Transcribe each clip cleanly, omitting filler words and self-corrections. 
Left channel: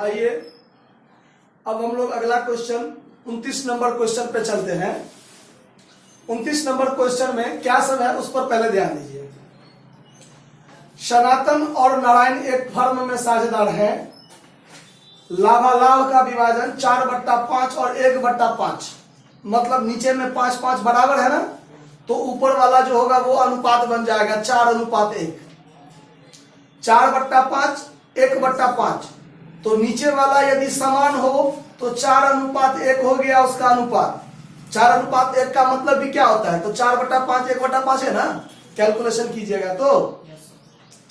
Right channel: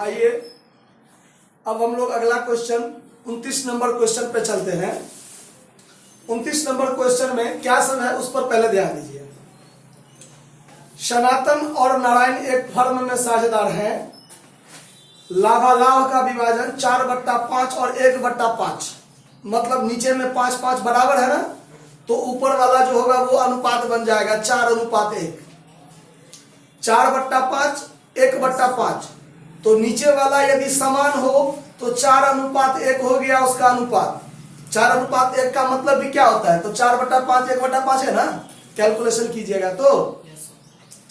आइए अब हम लोग अगला क्वेश्चन 29 नंबर क्वेश्चन पे चलते हैं। 29 नंबर क्वेश्चन में क्या सब है उस पर पहले ध्यान दीजिए। सनातन और नारायण एक फर्म में साझेदार हैं। लाभालाभ का विभाजन 4/5 और 1/5, मतलब नीचे में 5-5 बराबर है ना, तो ऊपर वाला जो होगा वो अनुपात बन जाएगा 4:1। 4/5 1/5, तो नीचे वाला यदि समान हो तो 4:1 हो गया उसका अनुपात। 4:1 का मतलब भी क्या होता है, तो 4/5 1/5 है ना, कैलकुलेशन कीजिएगा। तो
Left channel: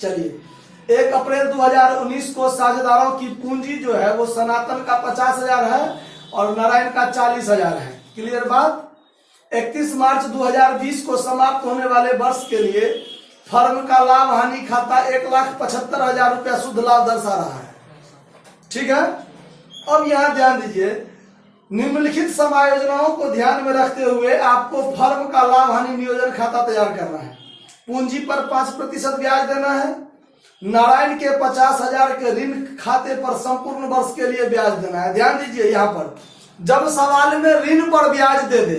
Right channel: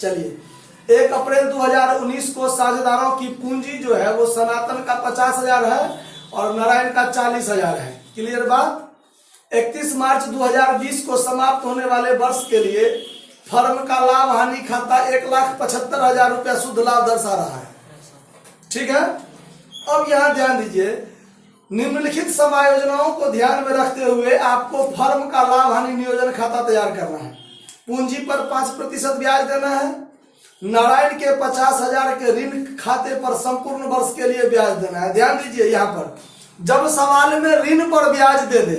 चलिए 1 अप्रैल 2019 को साझेदारों की पूंजी जो है वो सनातन का 50,000 है और नारायण का 40,000 है। क्लियर बात। 31 मार्च 2020 को समाप्त होने वाले वर्ष के लिए फर्म का लाभ हानि खाता 1,75,000 रुपया शुद्ध लाभ दर्शा रहा है। ठीक है। अब यहां ध्यान दीजिए, निम्नलिखित समायोजनाओं को ध्यान में रखते हुए आपको फर्म का लाभ हानि नियोजन खाता तैयार करना है। पूंजी पर 5% ब्याज देना है। नारायण के 50,000 के ऋण खाते पर संपूर्ण वर्ष के लिए ब्याज देना है। ध्यान दीजिए, यहां पर जब सवाल में ऋण पर ब्याज दे दे,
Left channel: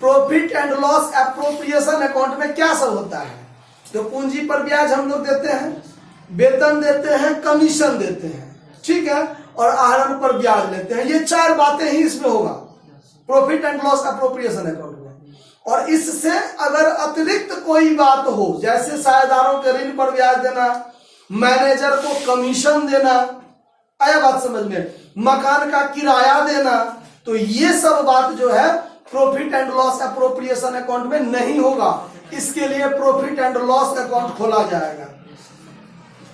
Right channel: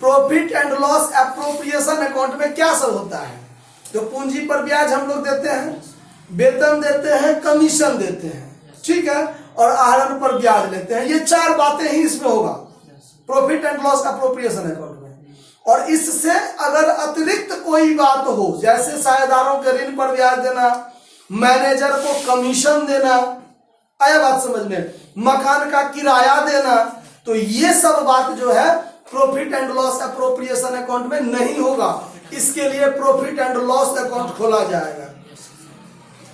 profit and loss appropriation account में क्या सब होता है, तो पूंजी पर ब्याज हम लोग देते हैं, वेतन देते हैं, कमीशन देते हैं, ठीक है, और आहरण पर ब्याज लेते हैं। ये 4 बातें ही इसमें होगा profit and loss appropriation account में। और इससे अगर अतिरिक्त कोई बात हो, जैसे साझेदारों के ऋण पर ब्याज देना, मैनेजर को कमीशन देना, आया बात समझ में, मकान का किराया देना, तो ये सब बात जो है profit and loss appropriation account में नहीं होगा। इसके लिए प्रॉफिट एंड लॉस अकाउंट खोला जाएगा।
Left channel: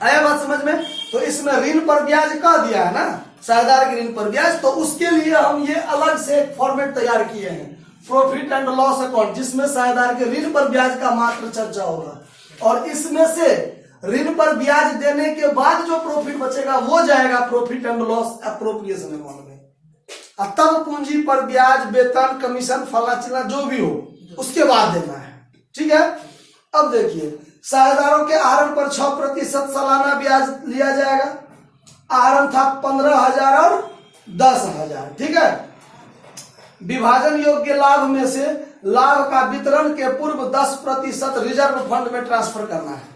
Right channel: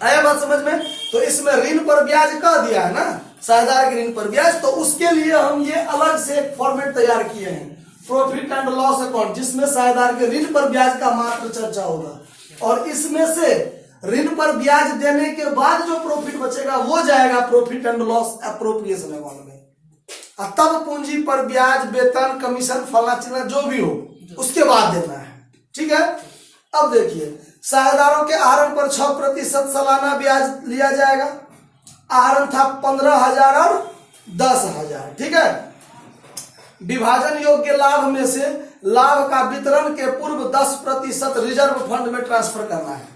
आया बात समझ में। तो इसमें ऋण पर ब्याज कह दिया है ना, साझेदार के ऋण पर ब्याज, तो उसके लिए हम ये अलग से एक फॉर्मेट तैयार किए हैं, प्रॉफिट एंड लॉस अकाउंट, जिसमें साझेदार के ऋण पर ब्याज का मात्र चर्चा होगा। और इसमें से ऋण पर ब्याज देने के बाद जो प्रॉफिट बचेगा वो जाएगा profit and loss appropriation account में। तब पूंजी पर ब्याज, वेतन, कमीशन, फला चिल्ला जो भी हो उसके बाद देना है। ठीक है। अब देखिए, साझेदारों के आहरण पर 6% सालाना ब्याज लिया जाएगा। आहरण था 15,000 और 10,000। ठीक है। विभाजन योग्य लाभ में से लाभ का वितरण के पूर्व 10% रिजर्व फंड में ट्रांसफर करना है।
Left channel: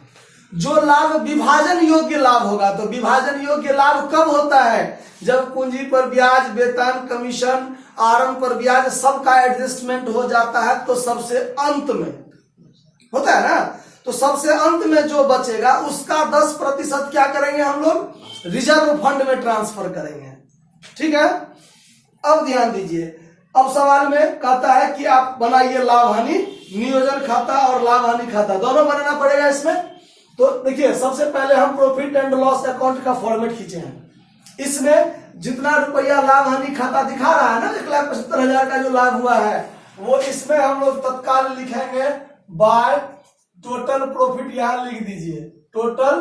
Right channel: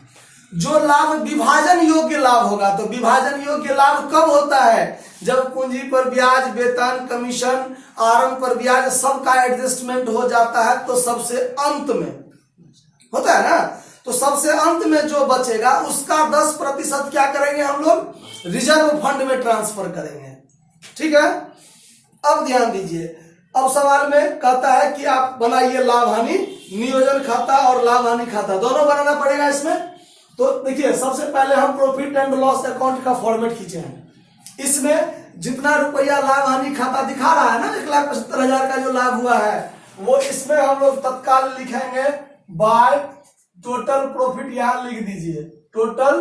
जो लाभ विभाजन योग्य लाभ होगा, तो विभाजन योग्य लाभ कब होता है, जब पूंजी पर ब्याज, वेतन, कमीशन, आहरण पर ब्याज सबका एडजस्टमेंट हो जाता है, तो सबसे अंत में होता है ना, तो सबसे अंत में जो बचेगा उसका 10% क्या करेंगे हम लोग, रिजर्व फंड में ट्रांसफर करेंगे। ठीक है। अब ध्यान दीजिए, अब सवाल में कहता है कि आप बनाइए लाभ हानि नियोजन खाता और लाभ हानि खाता, दोनों बनाना पड़ेगा इसमें। तो देखिए, सबसे पहले हम प्रॉफिट एंड लॉस अकाउंट का फॉर्मेट खींचे हैं। इसमें जितना रुपया लाभ हानि खाता दिखा रहा है ना, 1,75,000 का जो लाभ हुआ है, वो इसमें हम लोग तत्काल लिखेंगे बाय टोटल प्रॉफिट। यहां लिख दीजिए टोटल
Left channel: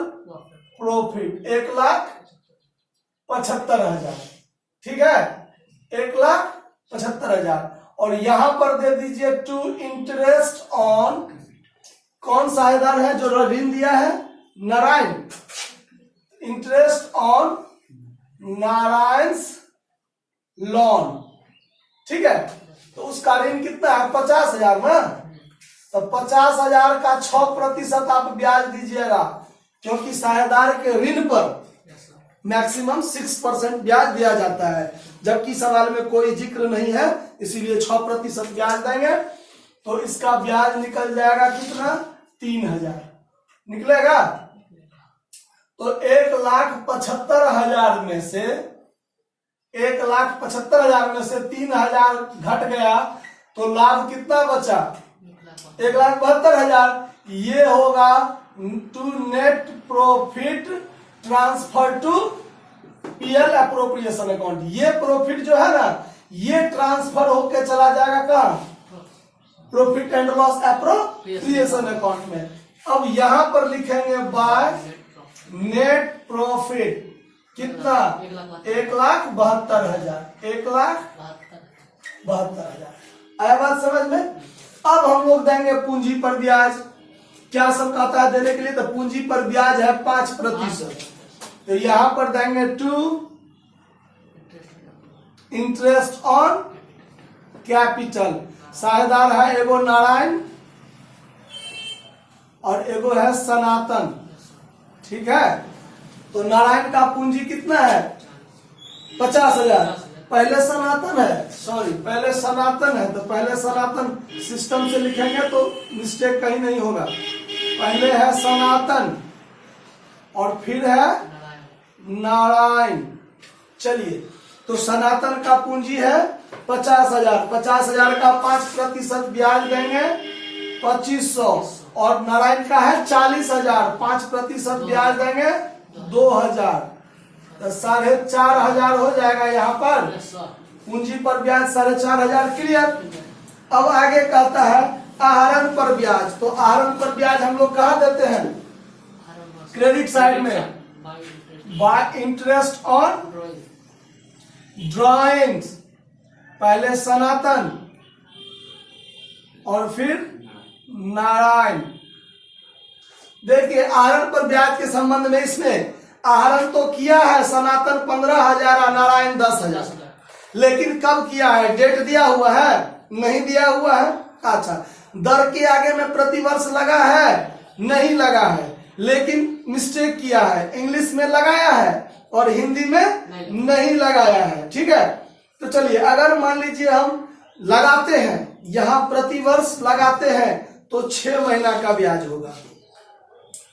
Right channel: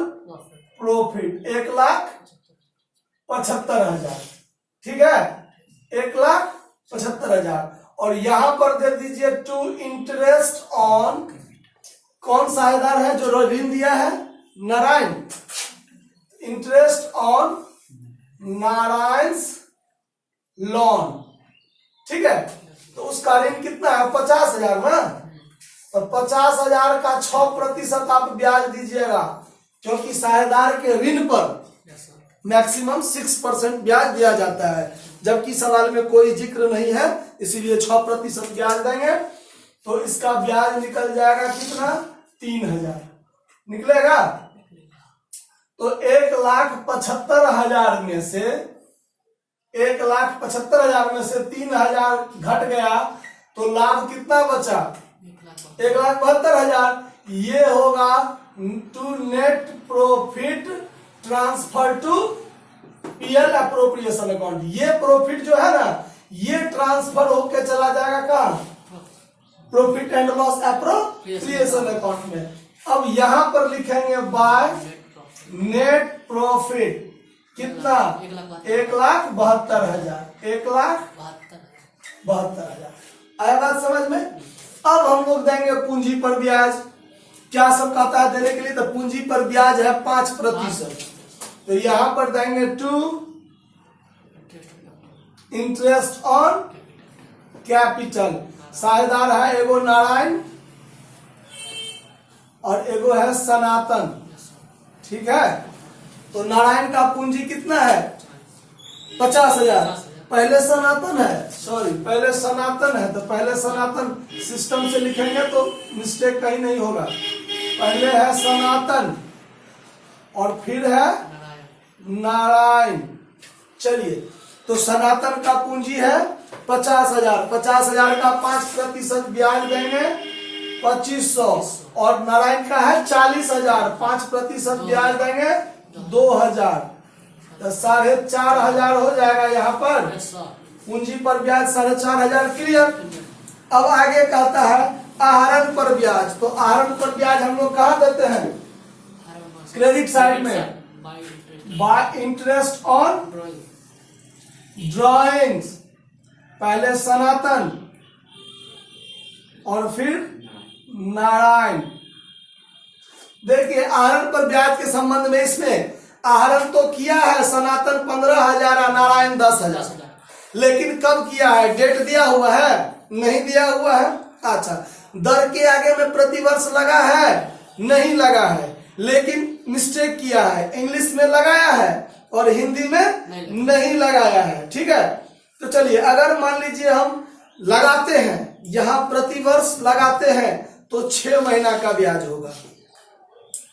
प्रॉफिट 1,75,000। ठीक है, 1,75,000। और यहां पर दे दीजिए टू इंटरेस्ट ऑन, कौन साझेदार है जो ऋण दिया है, Narayan, interest on Narayan's loan. ठीक है। तो उसका ऋण कितना है, 50,000 ना, तो 50,000 का 6% आप ब्याज दीजिएगा, क्योंकि साझेदार के ऋण पर मैक्सिमम 6% ब्याज दिया जाता है, जबकि सवाल में कोई जिक्र नहीं है, इसीलिए 6% ब्याज देंगे। तो इसका ब्याज निकल जाएगा कितना, 3,000 निकलेगा। तो 1,75,000 में से 1,75,000 में से 3,000 घट गया, तो लाभ कितना बचा, 1,72,000। ये होगा to net profit transfer to PL appropriation account. ये प्रॉफिट जो है ना, ये ट्रांसफर होके चला जाएगा कहां, profit and loss appropriation account में। अब यहां पर लिखेंगे बाय नेट प्रॉफिट कितना, 1,72,000, 1,72,000। आया बात समझ में। अब हम लोग देंगे पूंजी पर ब्याज, क्या सब कहता है देने के लिए, तो पूंजी पर ब्याज है 5%। तो यहां पर देंगे 2 इंटरेस्ट ऑन कैपिटल। साझेदार है एगो नारायण और एगो है सनातन, ठीक है। तो नारायण का पूंजी कितना है 50,000। पहले सनातन है, सॉरी पहले सनातन है, तो पहले सनातन सिस्टम से लिखेंगे तो मिस्टेक कहीं नहीं होगा। पहले है सनातन और फिर है नारायण। चलिए, तो सनातन का पूंजी है 50,000। 50,000 का 5% ब्याज देंगे 2500, और नारायण का है 40,000, 5% ब्याज देंगे 2,000, तो 4,500 हो जाएगा। यहाँ पर पूंजी पर ब्याज 4,500 क्लियर। अब आगे कहता है आहरण पर ब्याज। तो आहरण पर ब्याज हम लोग कहाँ देते हैं, क्रेडिट साइड में, बाय इंटरेस्ट ऑन ड्रॉइंग्स। पहले सनातन और फिर नारायण। देखिए आहरण पर ब्याज के संबंध में इसमें आहरण तो किया है सनातन 15,000 और नारायण 10,000, लेकिन कब किया है, डेट दिया हुआ है, नहीं दिया हुआ है। अच्छा, दर के आगे में प्रतिवर्ष लगा है, नहीं लगा है, लेकिन मिस्टेक किया है, इंग्लिश में लगाया है और हिंदी में नहीं लगाया है, ठीक है। तो चलिए, अगर मान लीजिए हम लगाते हैं, यहां प्रतिवर्ष लगाते हैं तो 6 महीना का ब्याज होगा।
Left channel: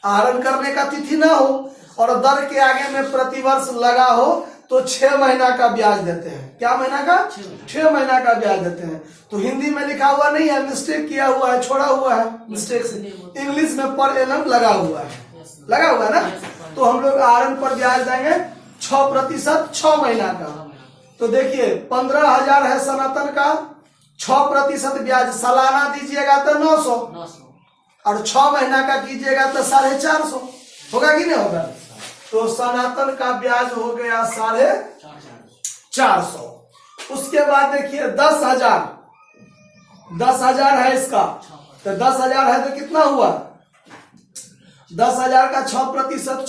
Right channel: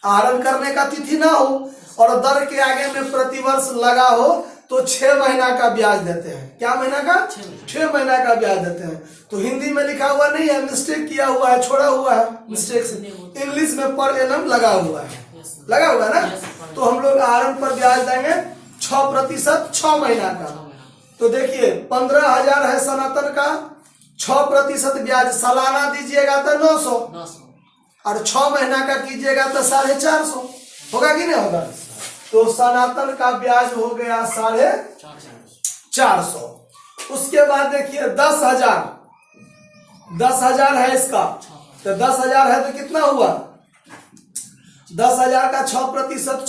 आहरण करने का तिथि ना हो और दर के आगे में प्रतिवर्ष लगा हो तो 6 महीना का ब्याज देते हैं। क्या महीना का, 6 महीना का ब्याज देते हैं। तो हिंदी में लिखा हुआ नहीं है, मिस्टेक किया हुआ है, छोड़ा हुआ है मिस्टेक से, इंग्लिश में पर एनम लगा हुआ है, लगा हुआ है ना। तो हम लोग आहरण पर ब्याज देंगे 6%, 6 महीना का। तो देखिए 15,000 है सनातन का, 6% ब्याज सालाना दीजिएगा तो 900, और 6 महीना का कीजिएगा तो 450 होगा कि नहीं होगा। तो सनातन का ब्याज हो गया 450। उसके बाद देखिए 10,000 है इसका, तो 10,000 है तो कितना हुआ, 10,000 का 6%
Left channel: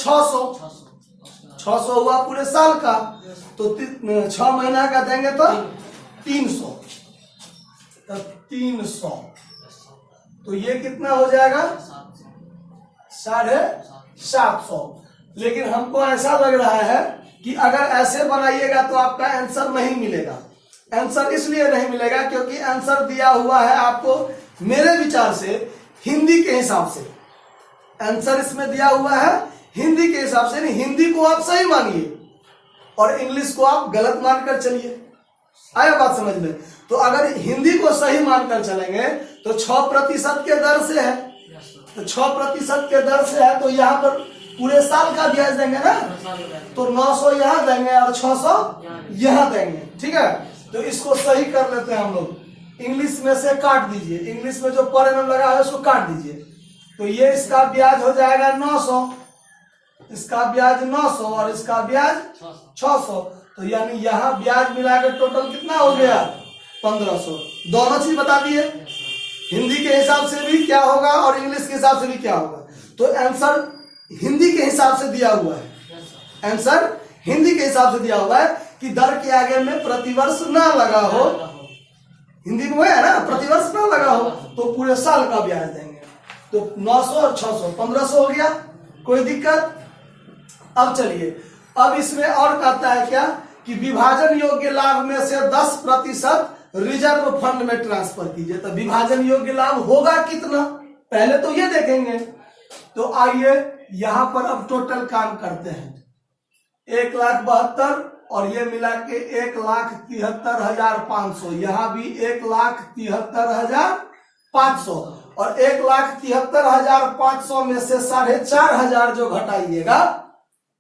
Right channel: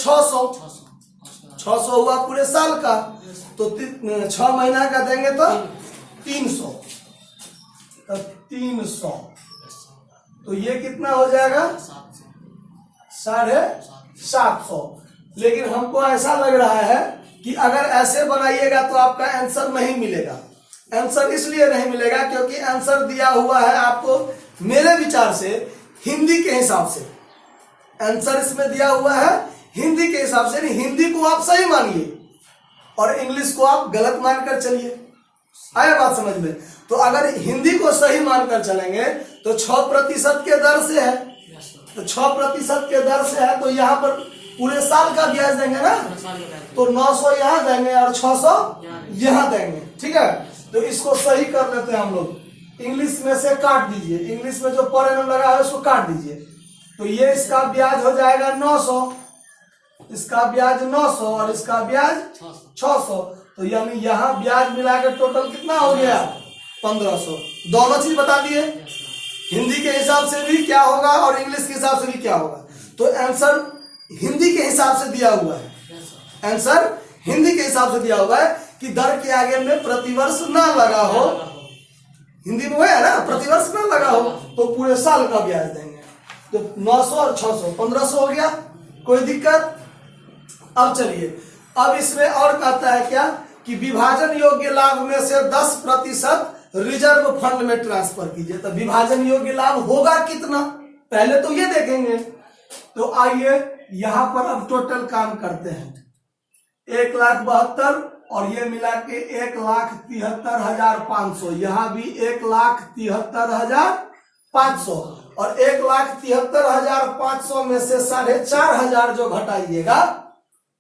600 हुआ पूरे साल का। तो 6 महीना का देंगे तो 300, तो 300, तो ये कितना हो जाएगा 750। लेकिन हमको ऐसा लग रहा है कि अगर ऐसे बनाइएगा तो आपका आंसर नहीं मिलेगा। आंसर इसलिए नहीं मिलेगा क्योंकि आंसर दिया हुआ है आपको मेरे विचार से हिंदी के हिसाब से। आंसर इसमें दिया हुआ है हिंदी के हिसाब से, नहीं हिंदी को आप सही मानिए और इंग्लिश को आप गलत मानकर चलिए। आया बात समझ में। तो अगर हिंदी को सही मानकर चलेंगे तो 6% के दर से है, तो 6% के दर से है, तो यहाँ पर पूरे साल का ब्याज देंगे ना, तो 900 यहाँ देंगे और 600 यहाँ देंगे, ठीक है। तो इसको सही कर लेते हैं हम लोग, इंग्लिश में से काट दीजिए, इंग्लिश में जो पर एनम लगा है उसको काट दीजिए। तो ये इसका ब्याज हो जाएगा 900, इसका ब्याज 900 और इसका ब्याज 600। तो यानी यहाँ ब्याज मिलाकर टोटल कितना हो गया 1500। दोनों चीज बता दिए, हिंदी के हिसाब से भी क्या होगा और इंग्लिश के हिसाब से भी क्या होगा। तो आंसर हिंदी के हिसाब से दिया हुआ है, आंसर हिंदी के हिसाब से दिया हुआ है कि दर के आगे में प्रतिवर्ष ना लगा हो, हिंदी में है ना, प्रतिवर्ष ना लगा हो तो पूरे साल का ब्याज देंगे। तो 900 और 600 1500 हो गया, कोई दिक्कत। अब चलिए, अब इसमें और कहता है क्या कि विभाजन योग्य लाभ में से 10% रिजर्व फंड में ट्रांसफर कीजिए। तो विभाजन योग्य लाभ होगा कितना, पहले तो ये देखेंगे। तो आइए यहां पर अब टोटल काम करते हैं। 1,72,000 और ये मिला के 1,73,500, यहाँ भी 1,73,500 और 1,73,500 में से 4,500 जो घटाइएगा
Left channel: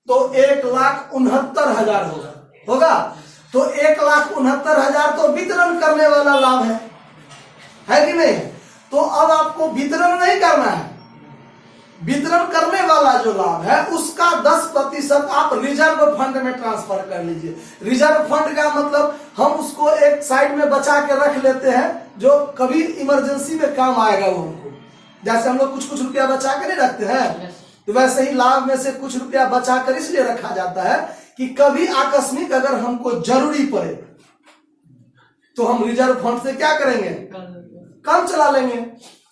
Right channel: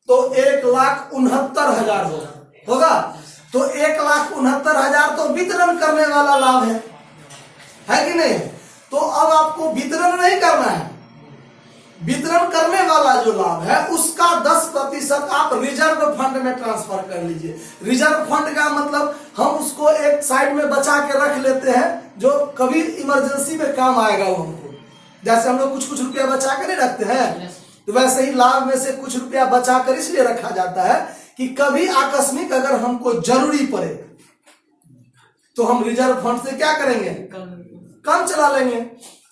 तो 1,69,000 होगा। तो 1,69,000 तो वितरण करने वाला लाभ है कि नहीं। तो अब आपको वितरण नहीं करना है, वितरण करने वाला जो लाभ है उसका 10% आप रिजर्व फंड में ट्रांसफर कर लीजिए। रिजर्व फंड का मतलब हम उसको एक साइड में बचा के रख लेते हैं, जो कभी इमरजेंसी में काम आएगा वो हमको। जैसे हम लोग कुछ रुपया बचा के नहीं रखते हैं, तो वैसे ही लाभ में से कुछ रुपया बचाकर इसलिए रखा जाता है कि कभी आकस्मिक अगर हमको जरूरी पड़े तो हम रिजर्व फंड से क्या करेंगे, काम चला लेंगे।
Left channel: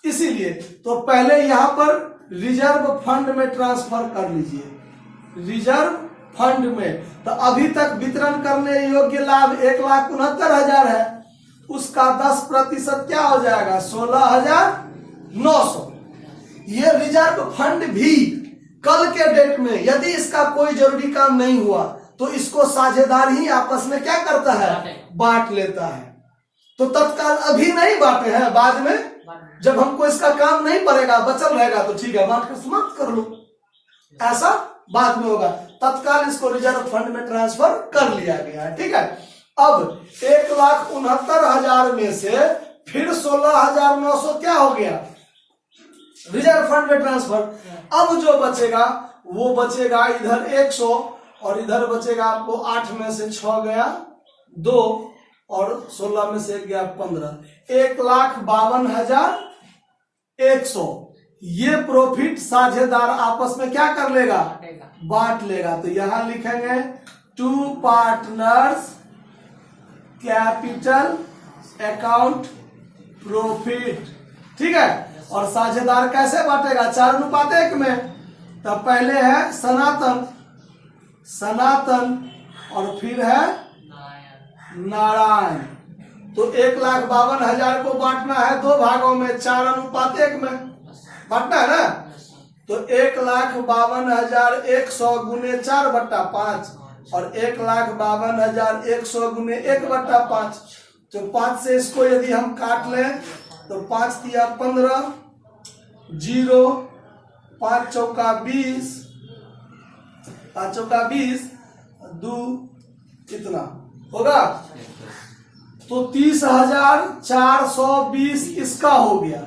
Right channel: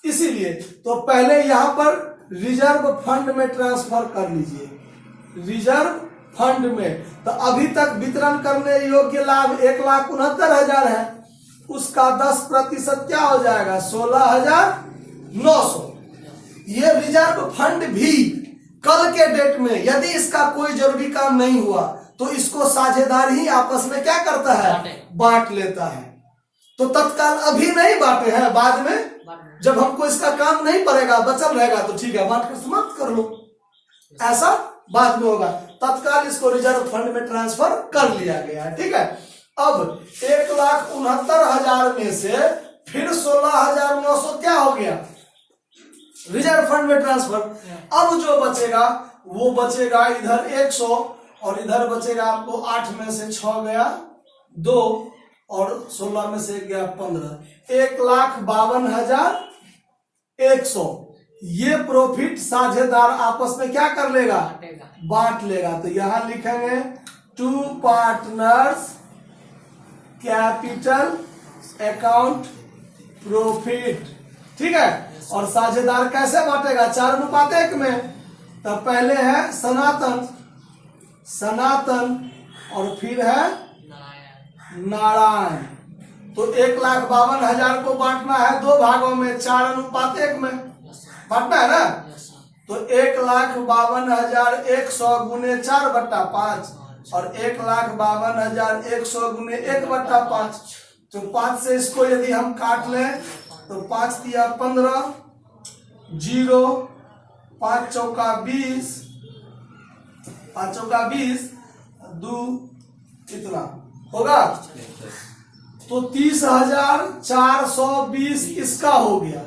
इसीलिए तो पहले यहां पर रिजर्व फंड में ट्रांसफर कर लीजिए, रिजर्व फंड में। तो अभी तक वितरण करने योग्य लाभ 1,69,000 है, उसका 10% क्या हो जाएगा, 16,900। ये रिजर्व फंड भी कल के डेट में यदि इसका कोई जरूरी काम नहीं हुआ तो इसको साझेदार ही आपस में क्या करता है, बांट लेता है। तो तत्काल अभी नहीं बांटे हैं, बाद में जब हमको इसका काम नहीं पड़ेगा, बचल रहेगा तो ठीक है, बांट कर समाप्त कर लो, ऐसा बाद में होगा। तत्काल इसको रिजर्व फंड में ट्रांसफर कर लिया गया है, ठीक है। अब 1,69,000 में से फिर 16,900 क्या हो गया, रिजर्व फंड में ट्रांसफर। अब जो बचेगा वो बचेगा इधर 100 और इधर बचेगा आपको 8 में से 6 गया 2 और 16 में से गया 15, 1,52,100। ये प्रॉफिट साझेदार आपस में क्या कर लेगा, बांट लेगा। तो यहां लिखेंगे 2 पार्टनर्स कैपिटल अकाउंट प्रॉफिट, ठीक है। और साझेदार कैसे बांटेगा, 4:1 में। तो पहले है सनातन और फिर है नारायण। तो 1,52,000 को बांटना है 2 भागों में, 4:1 में बांटना है ना। तो 1,52,100 गुने 4/5 और 1,52,100 गुने 1/5। तो 5 से इसको यदि हम काट लें तो 5 दिया 15, 0, 5 चौका 20, 5 चौका 20, 2 कितना होगा, तो 30,420 इसका हो गया,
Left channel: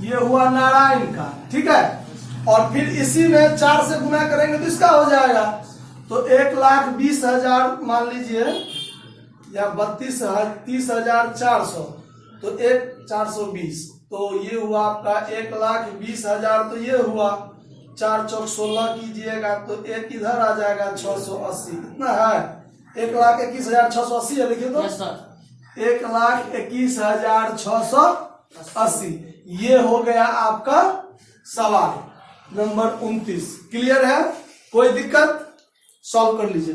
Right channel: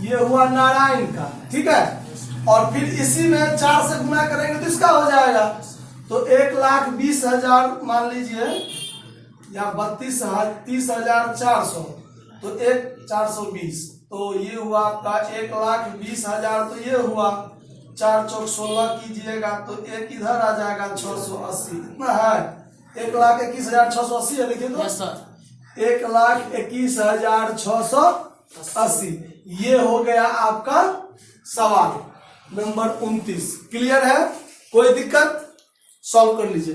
ये हुआ नारायण का, ठीक है। और फिर इसी में 4 से गुना करेंगे तो इसका हो जाएगा। तो 1,20,000 मान लीजिए या 30,400, तो 1,420, तो ये हुआ आपका 1,20,000। तो ये हुआ 4 चौक 16 कीजिएगा तो 1 इधर आ जाएगा 680, इतना है 1,21,680 है, लिखिए तो 1,21,680। ये हो गया आपका सवाल नंबर 29। क्लियर है, कोई दिक्कत, सॉल्व कर लीजिए।